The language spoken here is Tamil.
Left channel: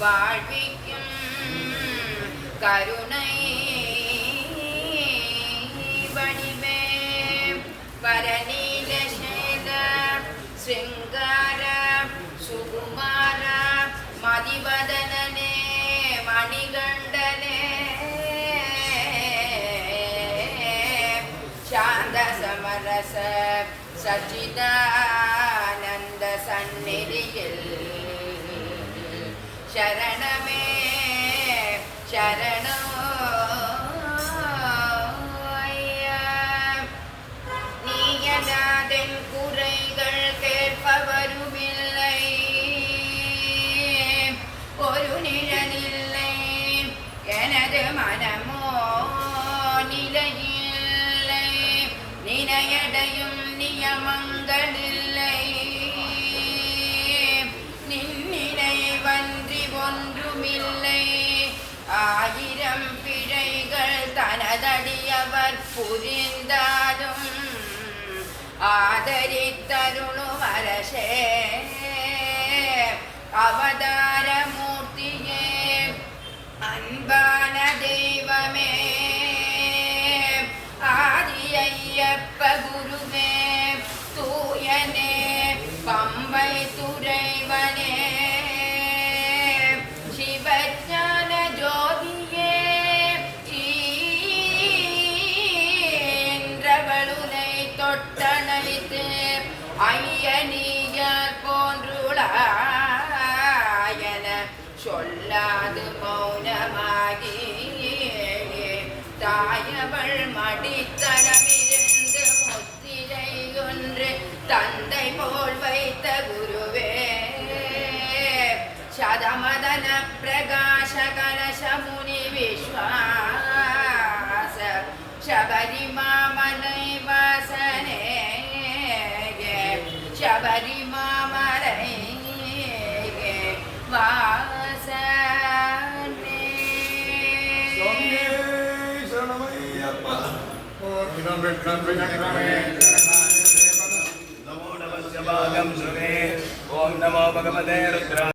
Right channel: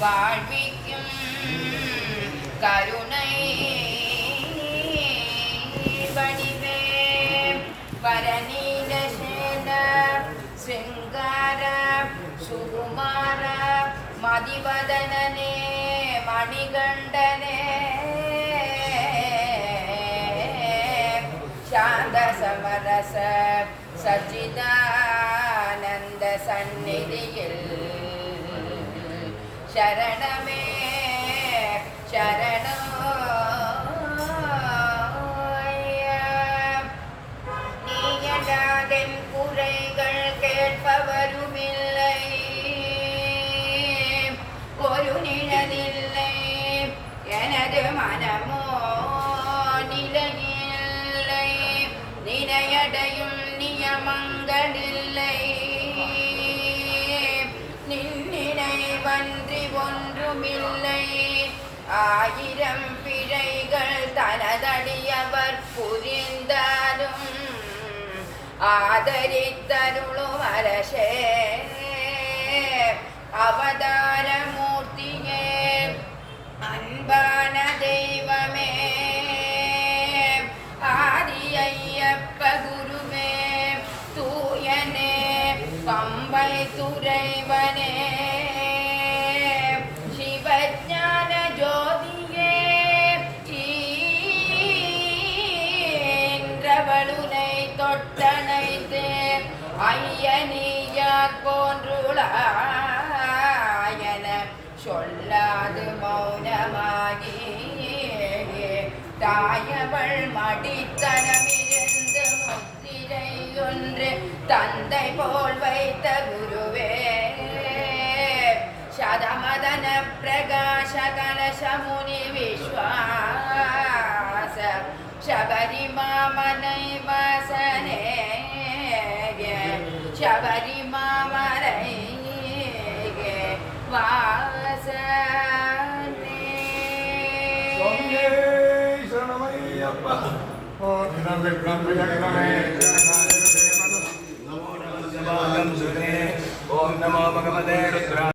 வாழ்விக்கும் கருணை வடிவே பரநீல சேல சிங்கார சுகுமார மதிவதனனே மணிகண்டனே சாந்த சமரச சச்சிதானந்த சந்நிதியில் சரணமே சரணம் நீயடாதென் குறைகள் கேட்பவருமில்லை ஒரு நிழலில்லை எனது மனமோ நிலையில்லை நினையடையும் நியமங்களில்லை நின்னினைவன்றி ஒன்றுமில்லை ஆயிரம் பிழைகள் தனதடியவர் புரிந்தாலும் ஆதரித்தருளும் அரசே அவதார மூர்த்தியே அன்பான தெய்வமே ஆதியையப்ப குருவே தூயனே கம்பை துறைவனே சிவஞான ஜோதியே சீன்றவளுனை தொட்டணைத்து ஐயனியார் போன்றுளாயன சொல்லாது மௌனமாகி தாயவள் மடித்தனமிருந்து முத்திரை ஒன்று தந்தை போல் வைத்த குருவே சதமதன பிரகாச கலச முனி விஸ்வாச சபரிமாமலை வாசனே சபரிமாமலை வாசனே சரணமையப்பா நமோ நம சிவாயம் சுரே ஓம் நமோ பகவதே ருத்ரா